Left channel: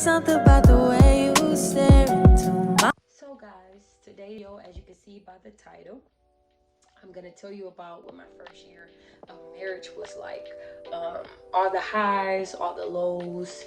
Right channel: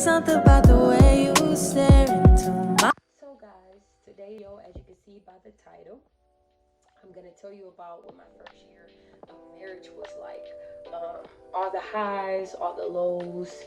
something about the way you stare into my. So guys, today, as you can see by the title, I'm gonna tell you about what my first year of marriage was like. All the highs, all the lows,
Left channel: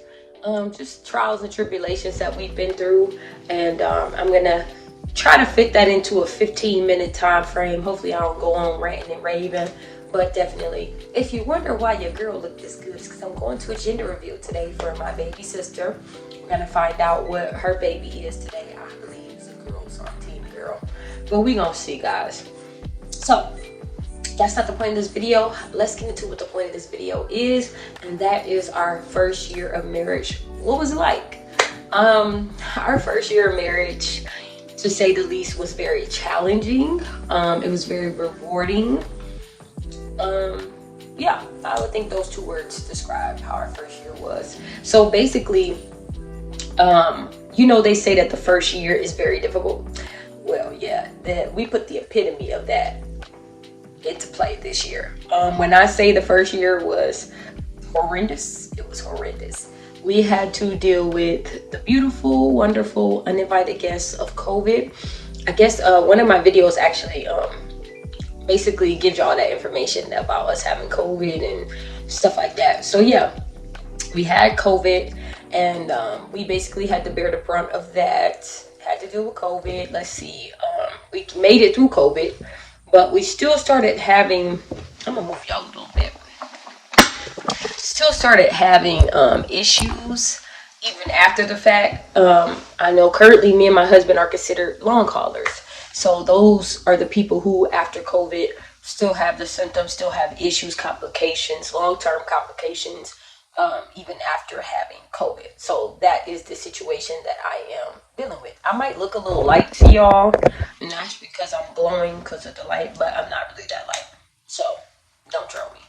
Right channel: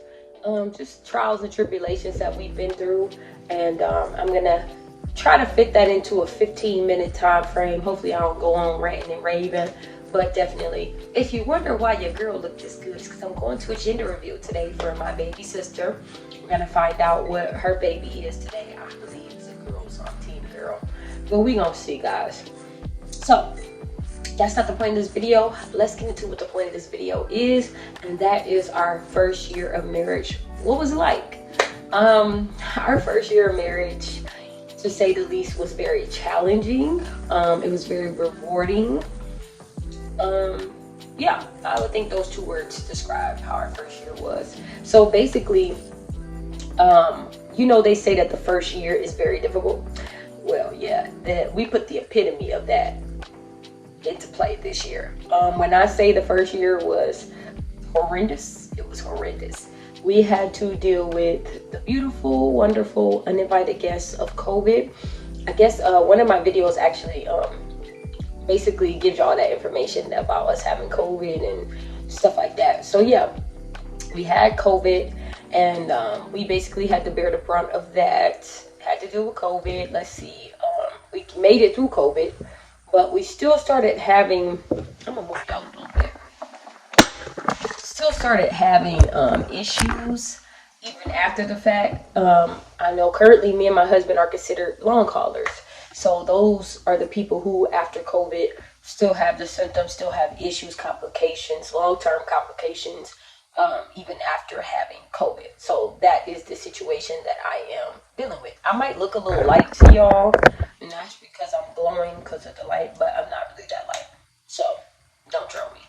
just trials and tribulations that we've been through, and I'm gonna try to fit that into a 15-minute time frame. Hopefully, I don't go on ranting and raving, but definitely, if you wonder why your girl looked this good, it's because I'm going to a gender reveal today for my baby sister. We're gonna find out what her baby is today. I believe it's a girl, so I'm team girl, but we gonna see, guys. So that's not the point of this video. Let's get into what the point of this video is, and that is our first year of marriage. What was it like? Our first year of marriage, to say the least, was very challenging. It was very rewarding. Yeah, I would think those two words describe how our first year was. So basically, they say that the first year is very difficult. Well, yeah, that we put the epitome of that into play this year. When I say the first year was horrendous, it was horrendous. We had to deal with the beautiful, wonderful, uninvited guests of COVID. I guess one of my videos actually basically gives y'all that information about us having COVID and stuff like that. So yeah, we had COVID, and we basically had to bear the brunt of that. Had to deal with COVID. Let's see, we made it through COVID, but we still started having, I'm gonna move y'all a little bit. Still started having issues even after the fact. I know currently me and my husband are considered long haulers. So those are the people who after COVID still have the symptoms, still have issues, complications, long-term complications, even after having COVID. So that is the situation that I am dealing with. I might look a little light to y'all, not because I'm glowing because of the light, but I'm not really that light. So don't troll me.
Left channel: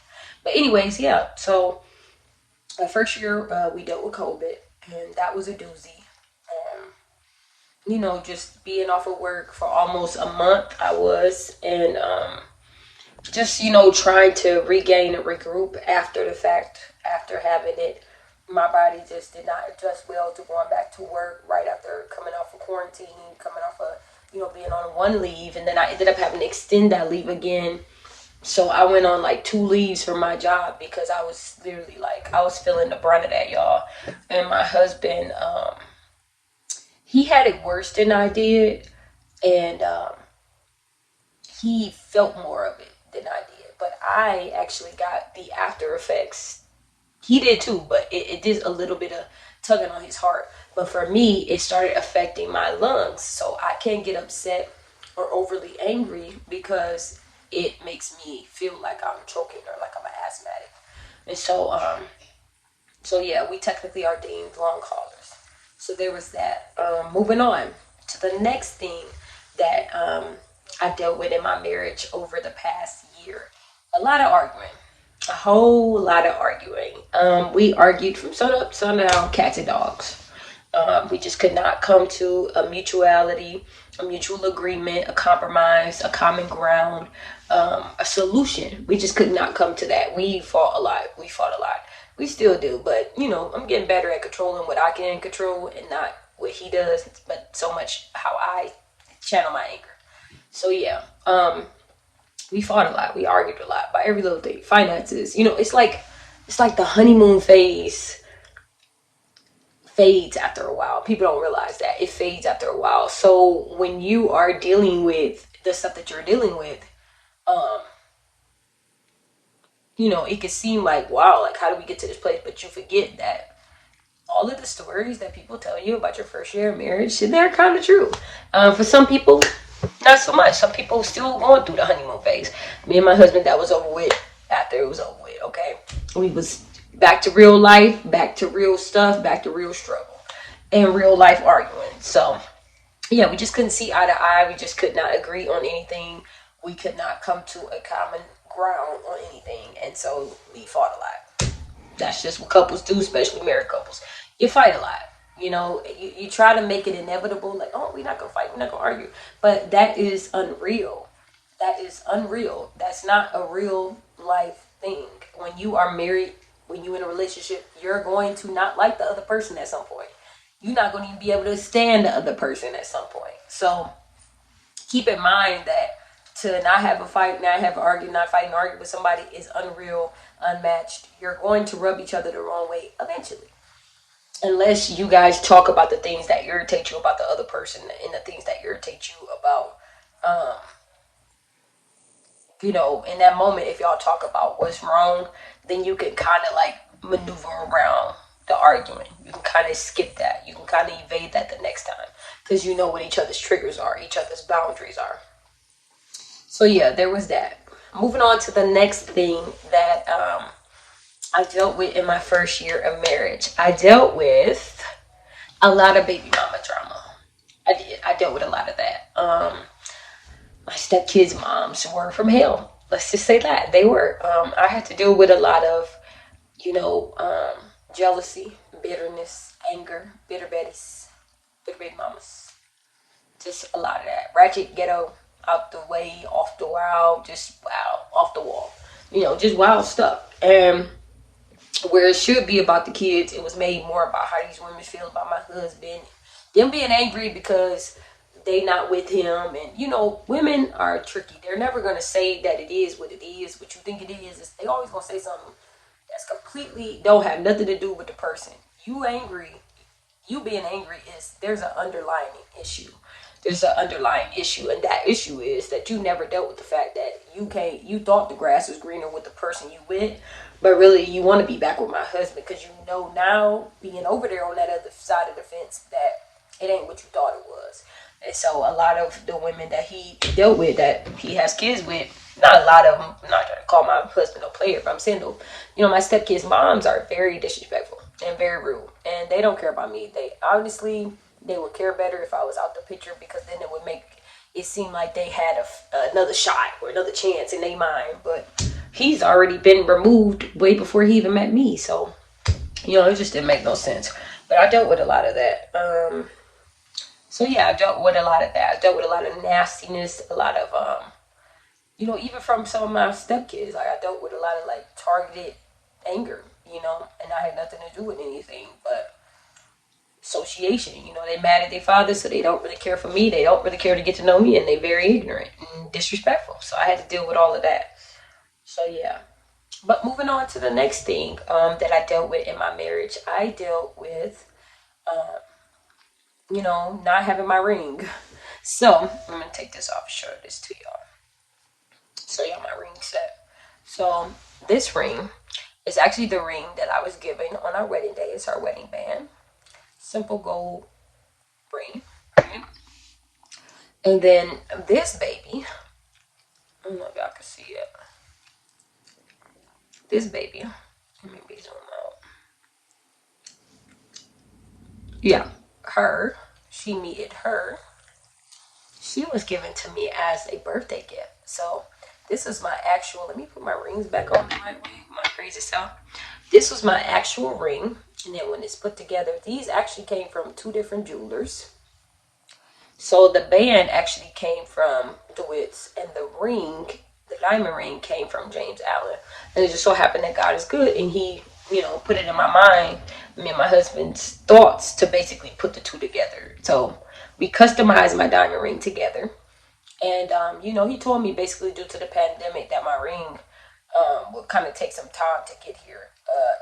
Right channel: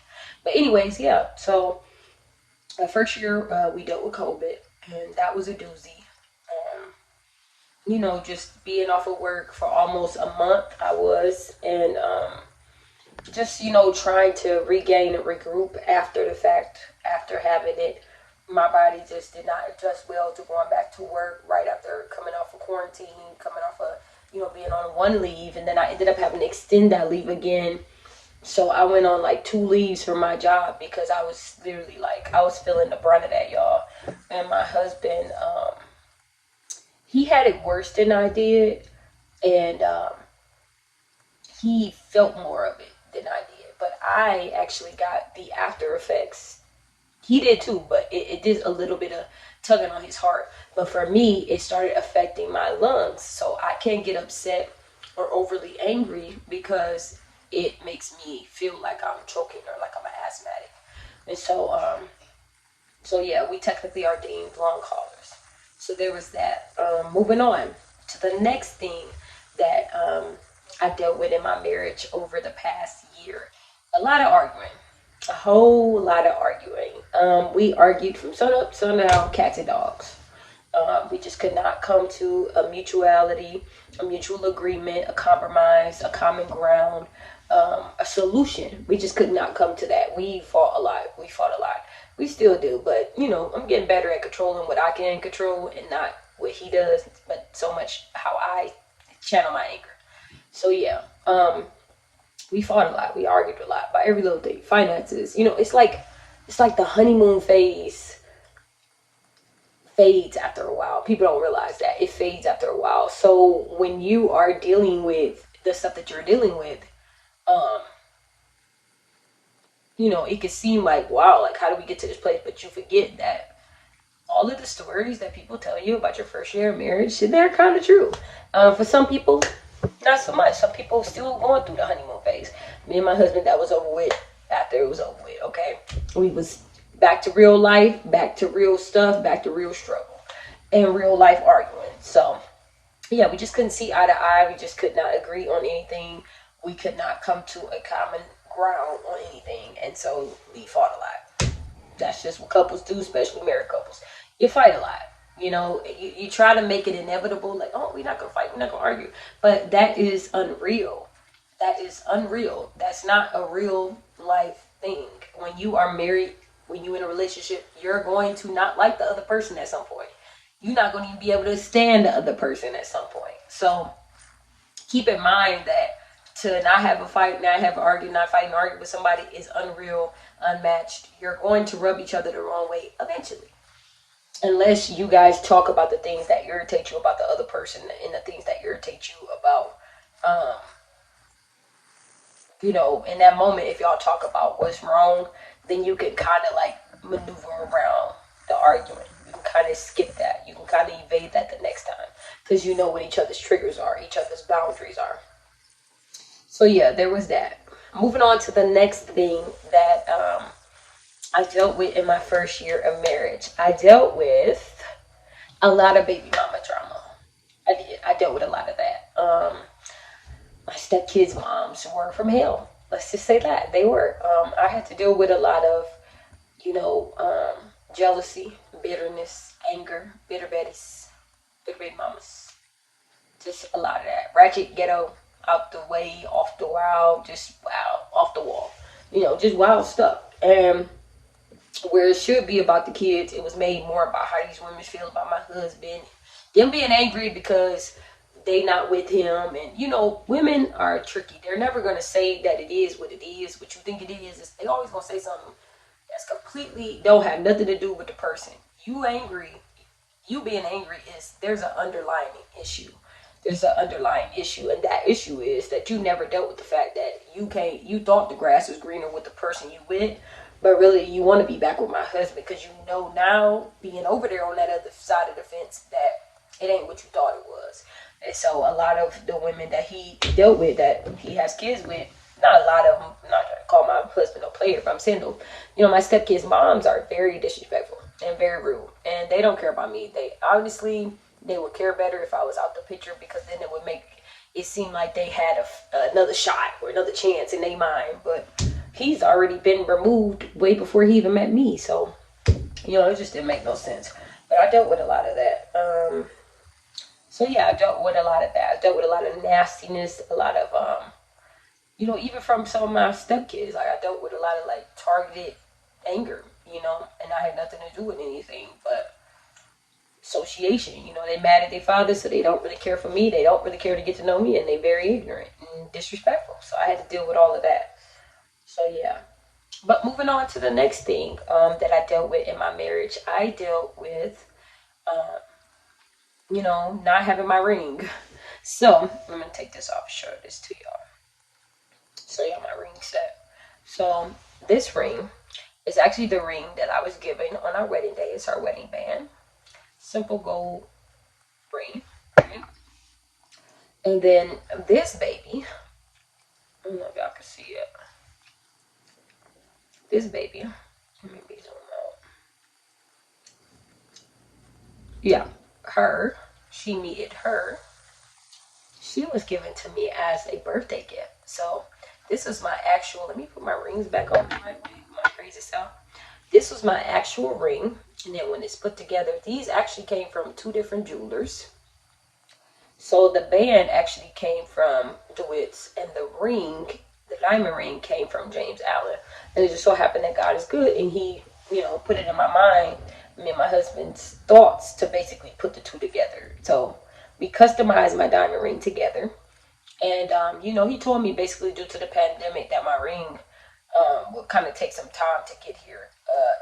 But anyways, yeah. So the first year we dealt with COVID, and that was a doozy. Just being off of work for almost a month, I was, and just trying to regain and regroup after the fact, after having it. My body just did not adjust well to going back to work right after coming off of quarantine, coming off of being on one leave, and then I ended up having to extend that leave again. So I went on like 2 leaves from my job because I was literally I was feeling the brunt of that, y'all. And my husband, he had it worse than I did, and he felt more of it than I did. But I actually got the after effects. He did too, but it did a little bit of tugging on his heart. But for me, it started affecting my lungs. So I can't get upset or overly angry because it makes me feel like I'm choking or like I'm an asthmatic. And so yeah, we technically are deemed long haulers. So there was that. Moving on to the next thing that I dealt with in my marriage over the past year. A lot of arguing. A whole lot of arguing. We argued from sun up, sundown, cats and dogs. We just could not come to a mutuality, a mutual agreement, a compromise, a common ground, a solution. We just could not come to that. We fought a lot. We still do, but I'm getting better at controlling what I can control and not what he does, but so much how I channel my anger. So yeah, we fought a lot. We argued a lot about every little thing. Finances, it's like the honeymoon phase fades after a while. People don't realize that it fades after a while. So when you are dealing with the stuff that you're dealing with, it can seem like, wow, like how do we get to this place? But you forget that all of the stories that people tell you about your first year of marriage, they're kind of true. For some people, not so much. Some people still going through the honeymoon phase. Me and my husband, that was over with after it was over with, okay? We was back to real life, back to real stuff, back to real struggle, and real life arguing. So, yeah, we just couldn't see eye to eye. We just could not agree on anything. We could not come to a common ground on anything, and so we fought a lot. That's just what couples do, especially married couples. You fight a lot. You try to make it inevitable, like, oh, we're not gonna fight, we're not gonna argue, but that is unreal. That's not a real life thing. When you are married, when you're in a relationship, you're going to not like the other person at some point. you're not going to even be able to stand the other person at some point. So keep in mind that to not have a fight, not have an argument, not fight and argue with somebody is unreal, unmatched. You're going to rub each other the wrong way eventually. Unless you guys talk about the things that irritate you about the other person and the things that irritate you about, um, in that moment, if y'all talk about what's wrong, then you can kind of like maneuver around the argument. You can kind of skip that. You can kind of evade that the next time because you know what each other's triggers are, each other's boundaries are. So yeah, there was that. Moving on to the next thing that I dealt with in my first year of marriage. I dealt with a lot of baby mama drama. I did. I dealt with a lot of that. My stepkids' moms were from hell. Let's just say that they were. I had to deal with a lot of, jealousy, bitterness, anger, bitter betties, bitter baby mamas. Just a lot of that. Ratchet ghetto, out the way, off the wall, just wow, off the wall. Just wild stuff. And where it should be about the kids, it was made more about how these women feel about my husband. Them being angry because they not with him. And, women are tricky. They're never going to say that it is what you think it is. They always going to say something that's completely don't have nothing to do with the person. You being angry there's an underlying issue. There's an underlying issue, and that issue is that you never dealt with the fact that you thought the grass was greener with the person you with, but really you want to be back with my husband because now being over there on that other side of the fence that it ain't what you thought it was. And so a lot of the women that he dealt with, that he has kids with, not a lot of them, I'm not trying to call my husband a player, but I'm saying though, my stepkids' moms are very disrespectful and very rude, and they don't care about me. They would care better if I was out the picture because then it would make it seem like they had another shot or another chance in their mind. But he's already been removed way before he even met me, so it just didn't make no sense. But I dealt with a lot of that. So yeah, I dealt with a lot of that. I dealt with a lot of nastiness, a lot of even from some of my stepkids. Like I dealt with a lot of like targeted anger, and I had nothing to do with anything but association. They mad at their father, so they don't really care for me. They don't really care to get to know me, and they very ignorant and disrespectful. So I had to deal with all of that. So yeah. But moving on to the next thing that I dealt with in my marriage, I dealt with, not having my ring. So I'm gonna take this off and show this to y'all. So yeah, my ring set. So this ring is actually the ring that I was given on our wedding day. It's our wedding band. Simple gold ring. Right? And then this baby, I don't know if y'all can see it. This baby, let me zoom out. Yeah, she needed her. She was given to me as a birthday gift. So this is my actual, let me put my rings back on the right way, my crazy self. This was my actual ring. And then when it's put together, these actually came from two different jewelers. So the band actually came from DeWitt's, and the diamond ring, came from James Allen. And it just so happened that God is good, and he, put it in my mind, me and my husband's thoughts to basically put the two together. So we customized my diamond ring together. And, he told me basically due to the pandemic that my ring would kind of take some time to get here.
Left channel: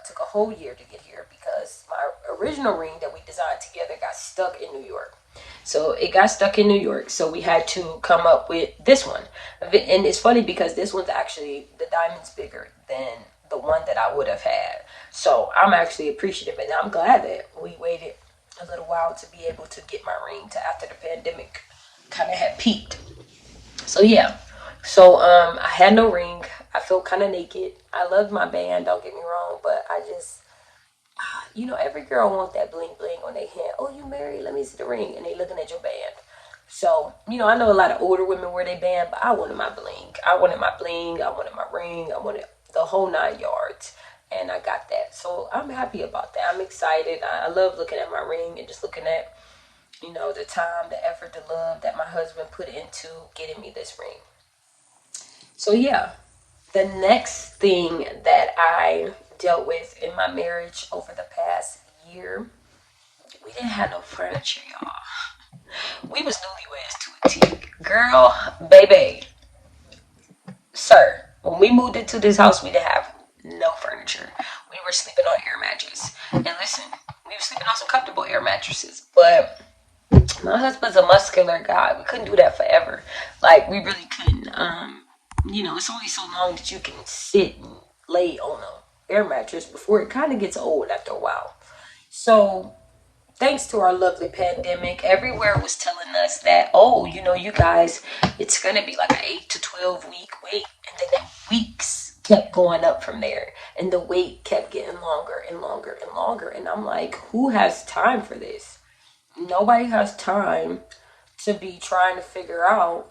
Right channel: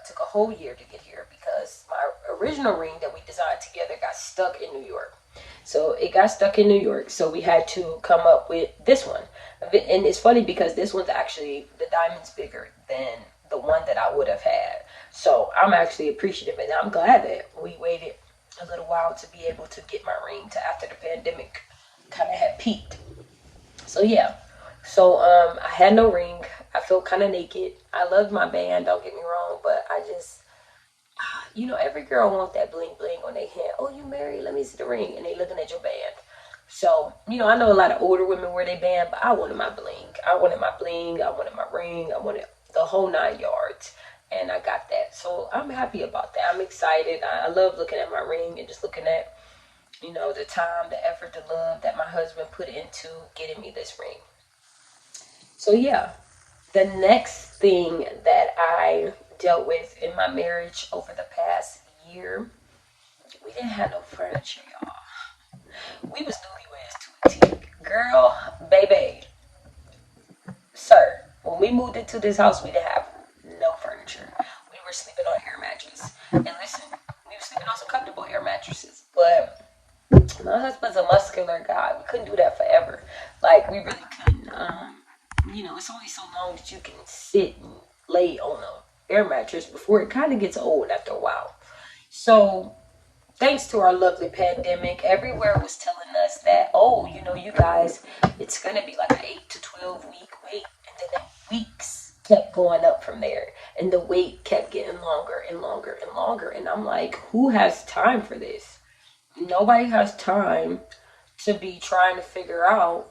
Took a whole year to get here because my original ring that we designed together got stuck in New York. So it got stuck in New York. So we had to come up with this one. And it's funny because this one's actually, the diamond's bigger than the one that I would have had. So I'm actually appreciative, and I'm glad that we waited a little while to be able to get my ring to after the pandemic kind of had peaked. So yeah. So I had no ring. I felt kind of naked. I loved my band, don't get me wrong, but I just, every girl wants that bling bling on their hand. Oh, you married? Let me see the ring. And they looking at your band. So, I know a lot of older women wear their band, but I wanted my bling. I wanted my bling. I wanted my ring. I wanted the whole 9 yards. And I got that. So I'm happy about that. I'm excited. I love looking at my ring and just looking at, the time, the effort, the love that my husband put into getting me this ring. So yeah. The next thing that I dealt with in my marriage over the past year We didn't have no furniture, y'all. We was newlyweds to a T. Girl, baby, sir, when we moved into this house, we didn't have no furniture. We were sleeping on air mattress. And listen, we were sleeping on some comfortable air mattresses. But my husband's a muscular guy. We couldn't do that forever. Like, we really couldn't. It's only so long that you can sit and lay on a air mattress before it kind of gets old after a while. So thanks to our lovely pandemic, everywhere was telling us that, oh, you guys, it's going to be like an 8 to 12 week wait. And then that weeks kept going up from there. And the wait kept getting longer and longer and longer. And I'm like, who has time for this? Nobody has time to be trying to figure out,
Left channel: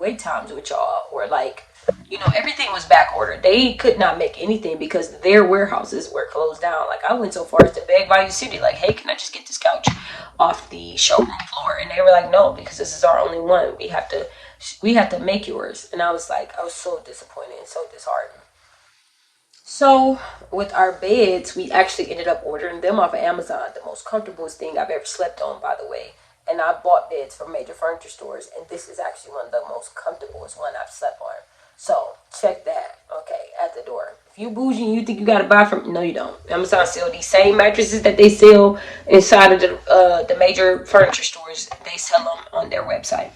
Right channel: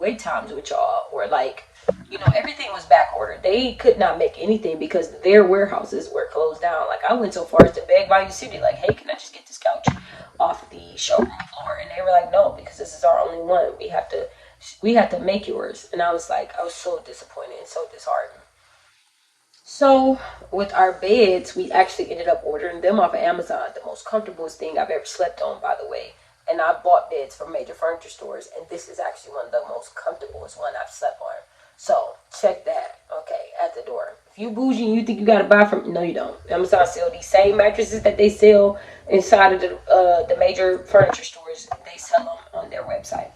wait times with y'all, or like, everything was back ordered. They could not make anything because their warehouses were closed down. Like, I went so far as to beg Value City, like, hey, can I just get this couch off the showroom floor? And they were like, no, because this is our only one. We have to make yours. And I was so disappointed and so disheartened. So with our beds, we actually ended up ordering them off of Amazon. The most comfortable thing I've ever slept on, by the way. And I bought beds from major furniture stores, and this is actually one of the most comfortablest one I've slept on. So check that, okay, at the door. If you bougie and you think you gotta buy from, no, you don't. Amazon sell these same mattresses that they sell inside of the major furniture stores. They sell them on their website.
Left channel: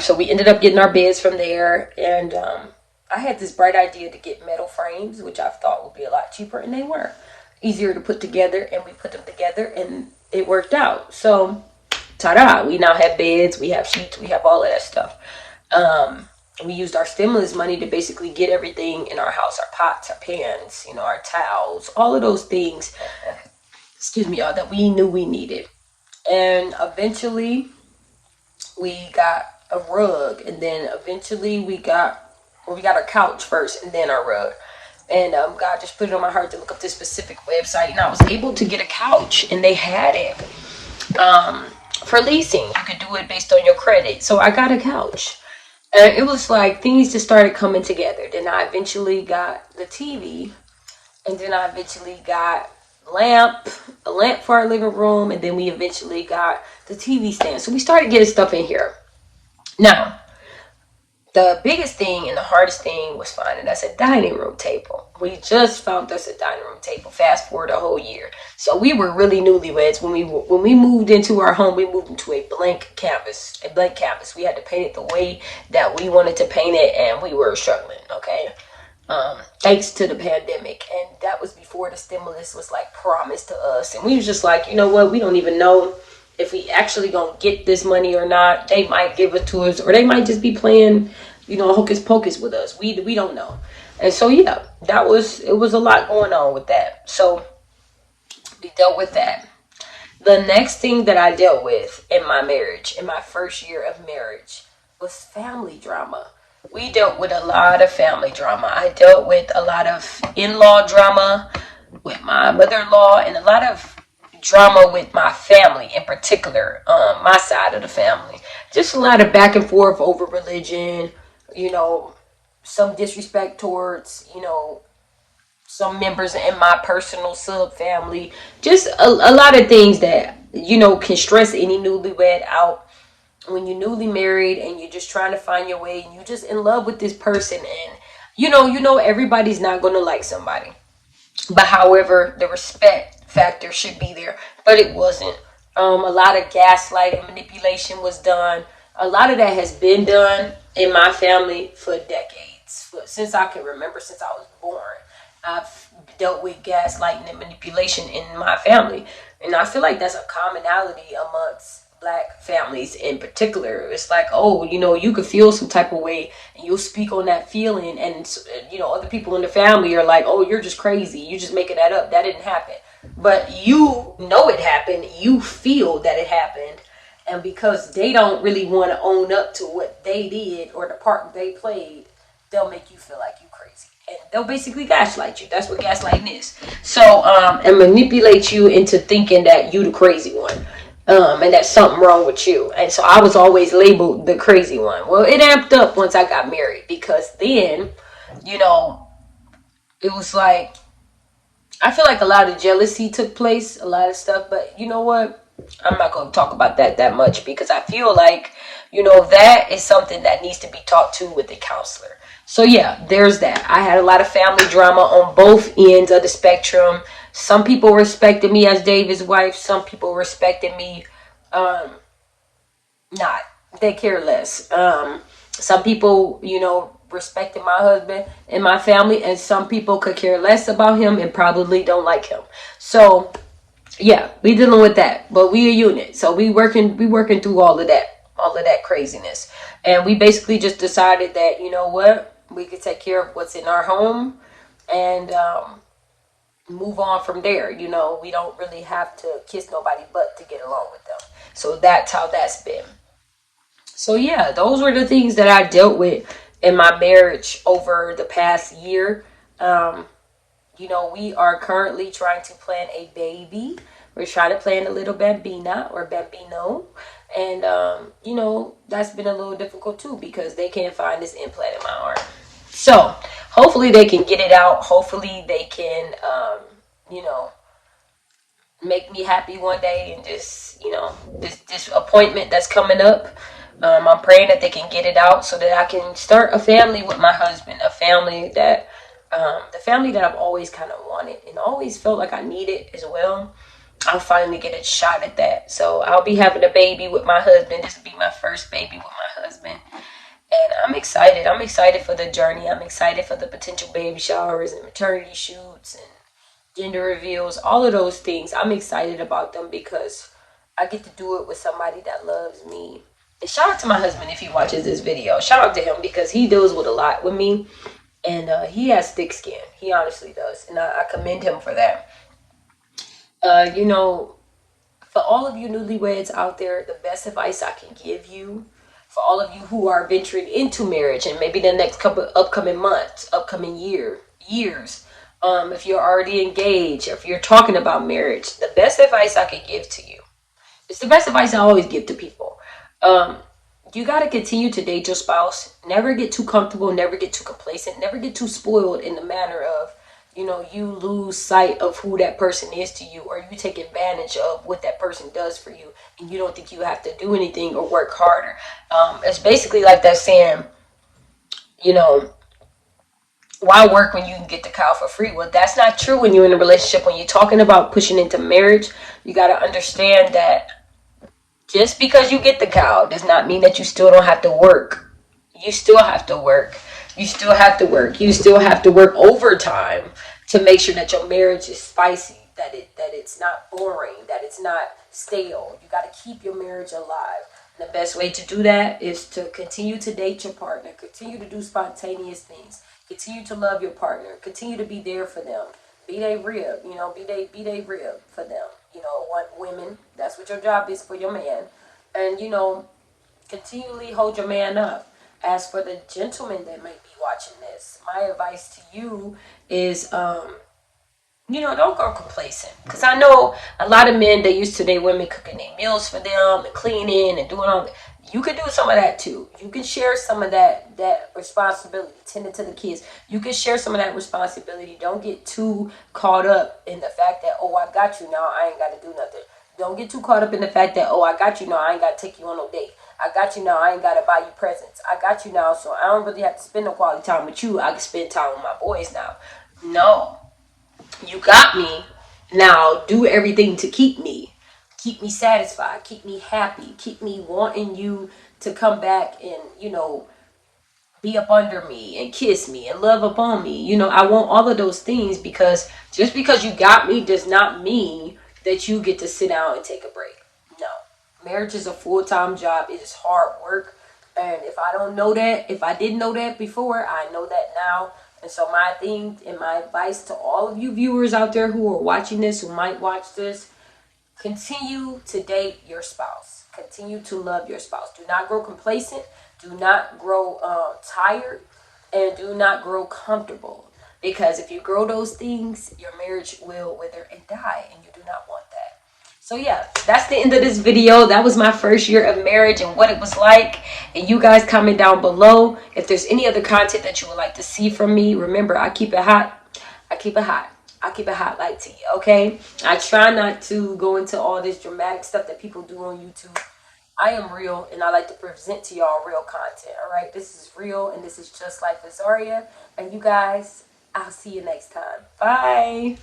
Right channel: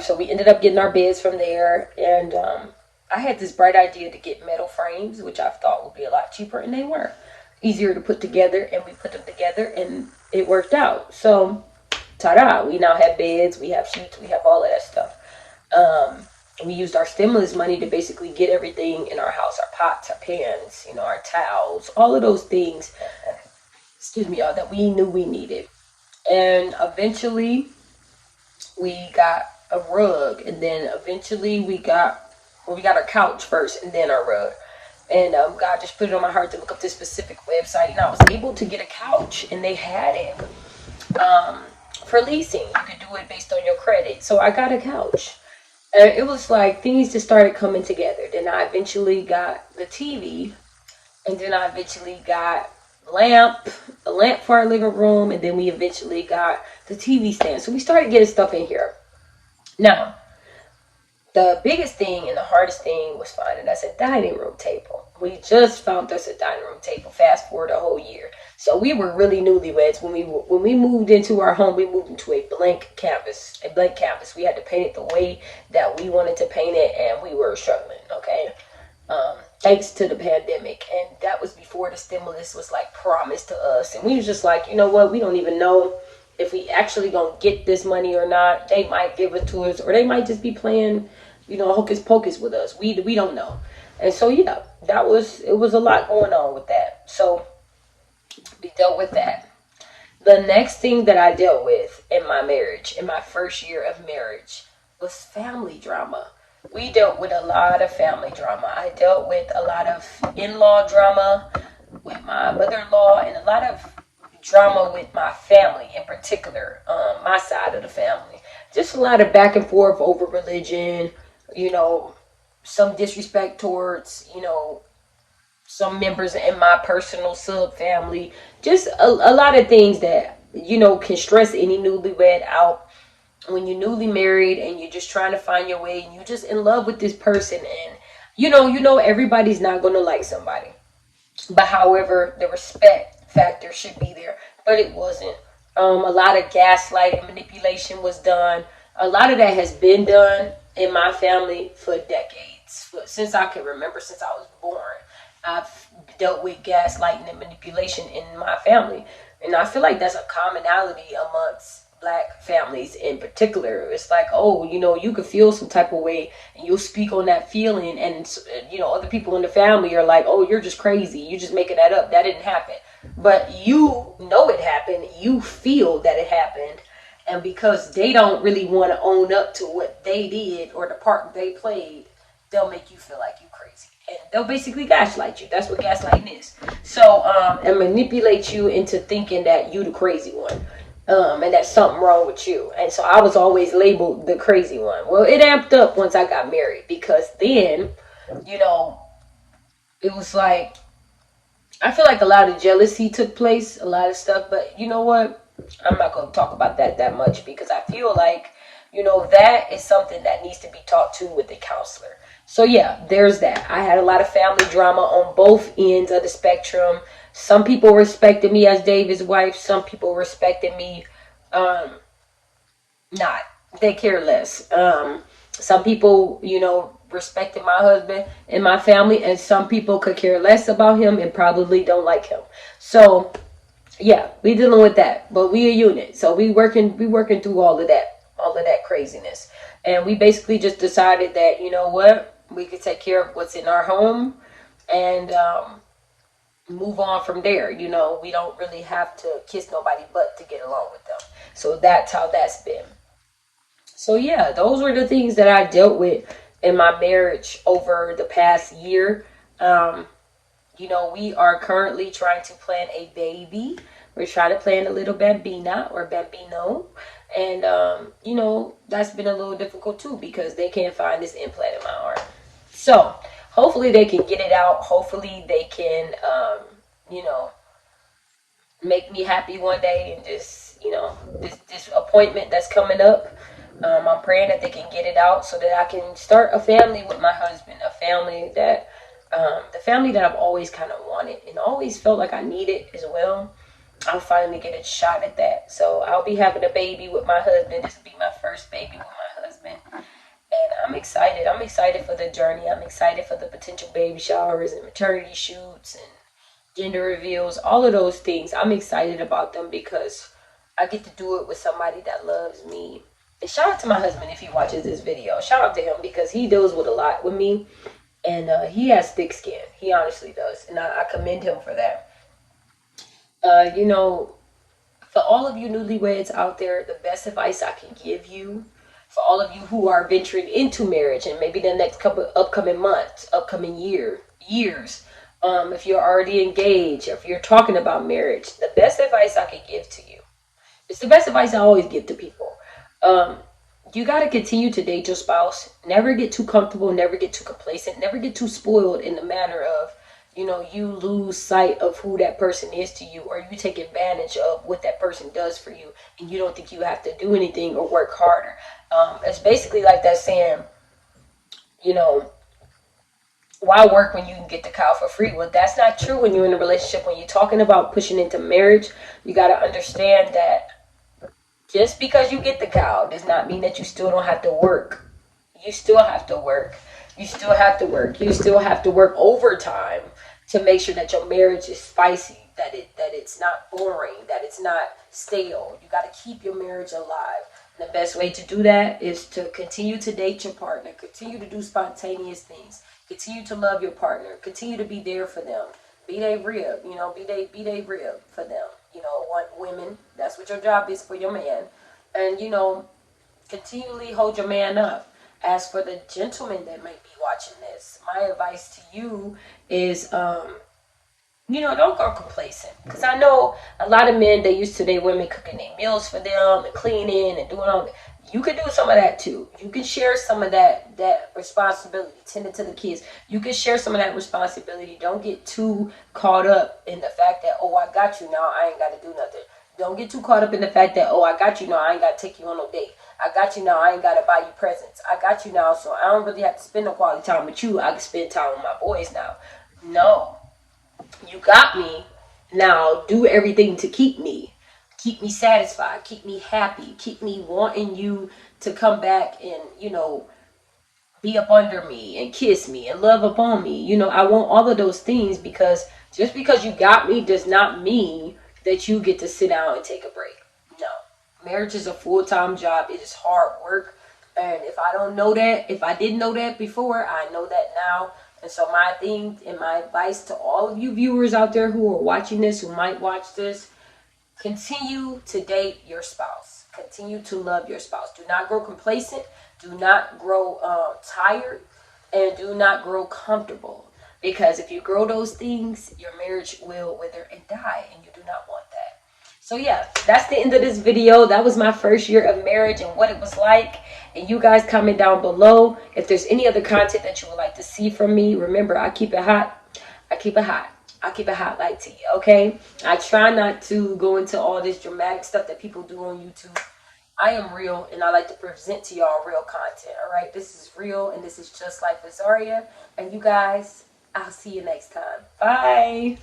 So we ended up getting our beds from there, and I had this bright idea to get metal frames, which I thought would be a lot cheaper, and they were easier to put together, and we put them together, and it worked out. So, ta-da! We now have beds, we have sheets, we have all of that stuff. We used our stimulus money to basically get everything in our house, our pots, our pans, our towels, all of those things, excuse me, y'all, that we knew we needed. And eventually, we got a rug, and then eventually we got our couch first, and then our rug. And God just put it on my heart to look up this specific website, and I was able to get a couch, and they had it for leasing. You could do it based on your credit. So I got a couch, and it was like things just started coming together. Then I eventually got the TV, and then I eventually got a lamp for our living room, and then we eventually got the TV stand. So we started getting stuff in here. Now, the biggest thing and the hardest thing was finding us a dining room table. We just found us a dining room table. Fast forward a whole year. So we were really newlyweds. When we moved into our home, we moved into a blank canvas. We had to paint it the way that we wanted to paint it, and we were struggling, okay? Thanks to the pandemic. And that was before the stimulus was like promised to us. And we was just like, you know what? We don't even know if we actually gonna get this money or not. They might give it to us, or they might just be playing, hocus pocus with us. We don't know. And so yeah, it was a lot going on with that. So we dealt with that. The next thing that I dealt with in my marriage, in my first year of marriage, was family drama. We dealt with a lot of family drama. I dealt with a lot of in-law drama with my mother-in-law, and a lot of drama with my family in particular, my side of the family. Just a lot of back and forth over religion, some disrespect towards, some members in my personal sub family. Just a lot of things that, can stress any newlywed out. When you're newly married and you're just trying to find your way, and you're just in love with this person, and everybody's not going to like somebody. But however, the respect factor should be there, but it wasn't. A lot of gaslighting, manipulation was done. A lot of that has been done in my family for decades. Since I can remember, since I was born, I've dealt with gaslighting and manipulation in my family. And I feel like that's a commonality amongst Black families in particular. It's like, you could feel some type of way, and you'll speak on that feeling, and other people in the family are like, oh, you're just crazy, you're just making that up, that didn't happen. But you know it happened, you feel that it happened, and because they don't really want to own up to what they did or the part they played, they'll make you feel like you crazy, and they'll basically gaslight you. That's what gaslighting is. So and manipulate you into thinking that you the crazy one. And that's something wrong with you. And so I was always labeled the crazy one. Well, it amped up once I got married, because then, it was like I feel like a lot of jealousy took place, a lot of stuff, but you know what? I'm not going to talk about that much because I feel like, that is something that needs to be taught to with a counselor. So yeah, there's that. I had a lot of family drama on both ends of the spectrum. Some people respected me as David's wife. Some people respected me um, not. They care less. Some people, respected my husband and my family, and some people could care less about him and probably don't like him. So yeah, we dealing with that, but we a unit. So we working through all of that craziness, and we basically just decided that we could take care of what's in our home and move on from there. We don't really have to kiss nobody but to get along with them. So that's how that's been. So yeah, those were the things that I dealt with in my marriage over the past year. Um, we are currently trying to plan a baby. We're trying to plan a little bambina or bambino. And, that's been a little difficult too because they can't find this implant in my arm. So hopefully they can get it out. Hopefully they can, you know, make me happy one day and just, this appointment that's coming up. I'm praying that they can get it out so that I can start a family with my husband, the family that I've always kind of wanted and always felt like I needed as well. I'll finally get a shot at that. So I'll be having a baby with my husband. This will be my first baby with my husband. And I'm excited. I'm excited for the journey. I'm excited for the potential baby showers and maternity shoots and gender reveals, all of those things. I'm excited about them because I get to do it with somebody that loves me. And shout out to my husband if he watches this video. Shout out to him because he deals with a lot with me. And he has thick skin. He honestly does. And I commend him for that. For all of you newlyweds out there, the best advice I can give you, for all of you who are venturing into marriage and maybe the next couple upcoming months, upcoming years, if you're already engaged, if you're talking about marriage, the best advice I can give to you, it's the best advice I always give to people. You got to continue to date your spouse. Never get too comfortable, never get too complacent, never get too spoiled in the manner of, you lose sight of who that person is to you, or you take advantage of what that person does for you, and you don't think you have to do anything or work harder. It's basically like that saying, you know, why work when you can get the cow for free? Well, that's not true when you're in a relationship. When you're talking about pushing into marriage, you got to understand that just because you get the cow does not mean that you still don't have to work. You still have to work. You still have to work. You still have to work overtime to make sure that your marriage is spicy, that it's not boring, that it's not stale. You got to keep your marriage alive. And the best way to do that is to continue to date your partner, continue to do spontaneous things, continue to love your partner, continue to be there for them. Be they rib, be they rib for them. Want women, that's what your job is for your man. And, continually hold your man up. As for the gentlemen that might be watching this, my advice to you is, don't go complacent. Because I know a lot of men, they used to their women cooking their meals for them and cleaning and doing all that. You could do some of that too. You can share some of that responsibility, tending to the kids. You can share some of that responsibility. Don't get too caught up in the fact that, oh, I got you now, I ain't got to do nothing. Don't get too caught up in the fact that, oh, I got you now, I ain't got to take you on no date. I got you now, I ain't got to buy you presents. I got you now, so I don't really have to spend no quality time with you. I can spend time with my boys now. No. You got me. Now do everything to keep me. Keep me satisfied. Keep me happy. Keep me wanting you to come back and, be up under me and kiss me and love upon me. I want all of those things because just because you got me does not mean that you get to sit down and take a break. No. Marriage is a full-time job. It is hard work. And if I don't know that, if I didn't know that before, I know that now. And so my thing and my advice to all of you viewers out there who are watching this, who might watch this, continue to date your spouse. Continue to love your spouse. Do not grow complacent. Do not grow tired. And do not grow comfortable. Because if you grow those things, your marriage will wither and die. And you do not want that. So yeah, that's the end of this video. That was my first year of marriage and what it was like. And you guys comment down below if there's any other content that you would like to see from me. Remember, I keep it hot. I keep it hot. I keep it hot like tea, okay? I try not to go into all this dramatic stuff that people do on YouTube. I am real, and I like to present to y'all real content, all right? This is real, and this is just like Azaria. And you guys, I'll see you next time. Bye.